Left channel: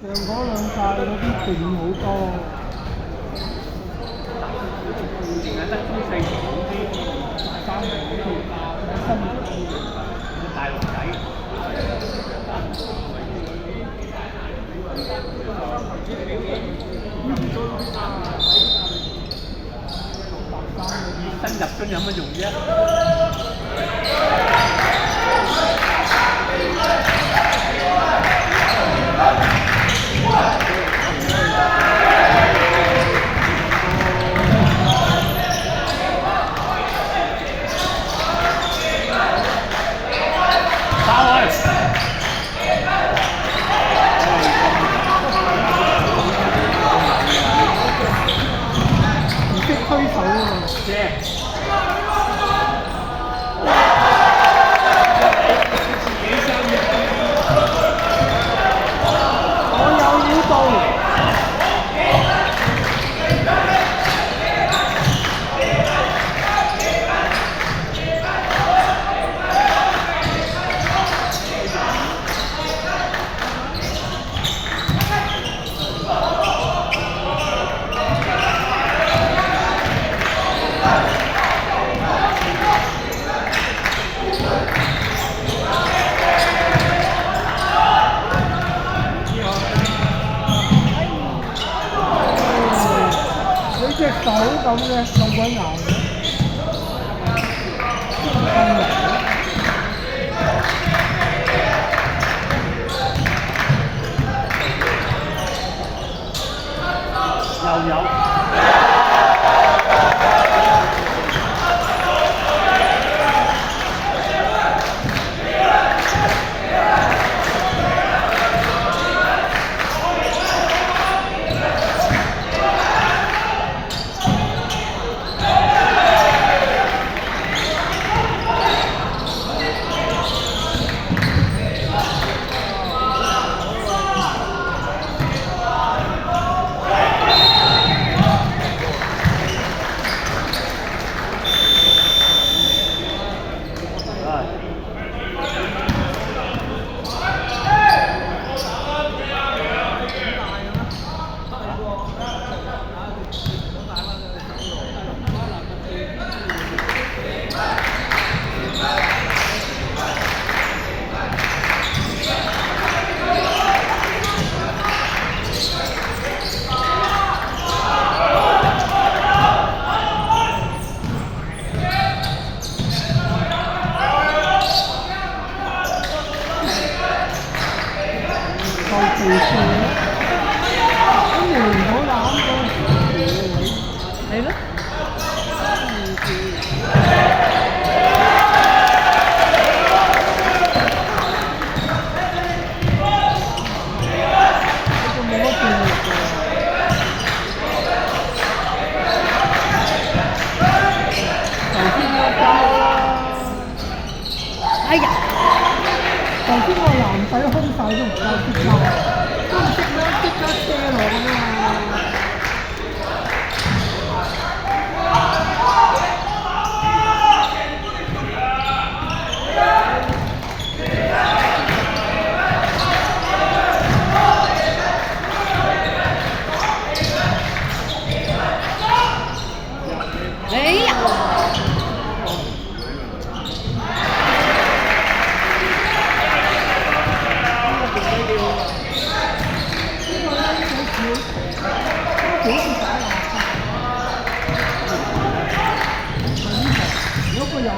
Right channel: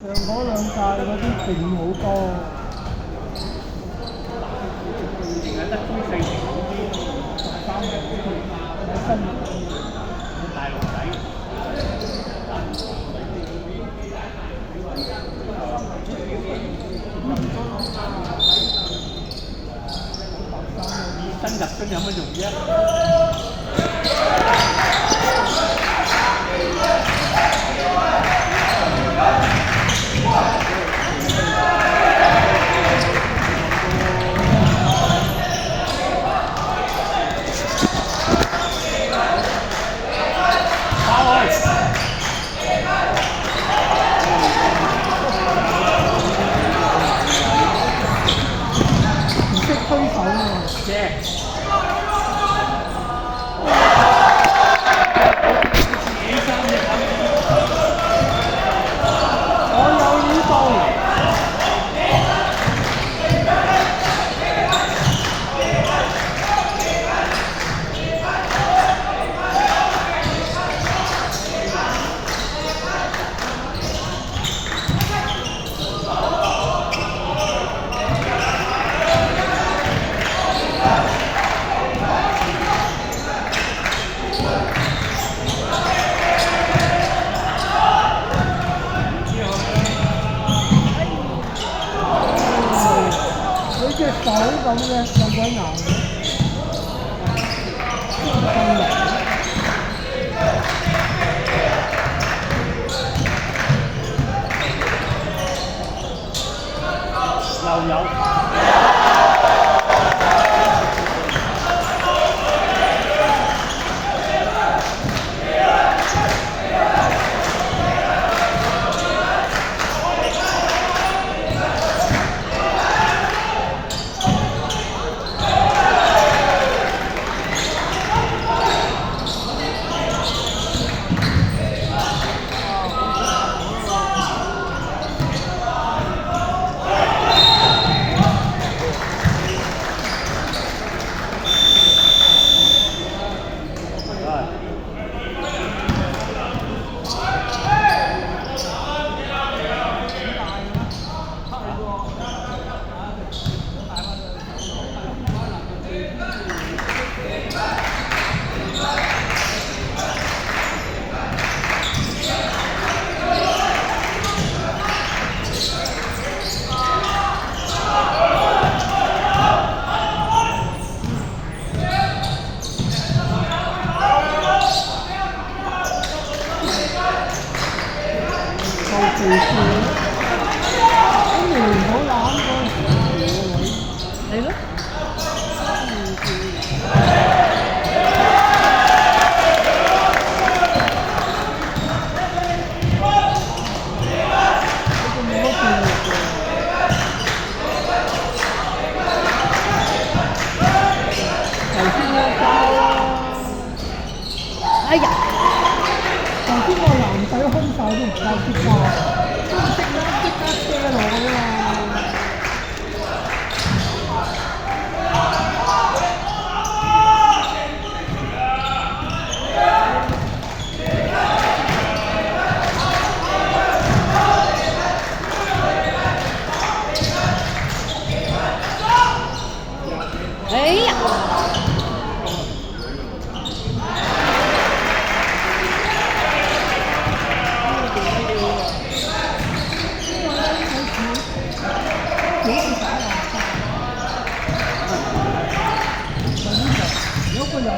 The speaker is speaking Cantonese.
上嗰兩屆嗰啲勁好多，而家得中四年嗰啲大三年嗰啲喺新大陸仔，熱身入樽有乜用啫？唔識推手啊嘛，啫。我有料到。你隻手咁嘅咁鬼硬嘅，咁嚟又有。後條線，跟住唔好攬嗰條線，係咯，呢個冇乜電力嘅。頭先嗰交啦，哎呀，頭先個男仔空手都唔夠識交，都唔識啦，即刻射落㗎嘛。哎呀，如果佢又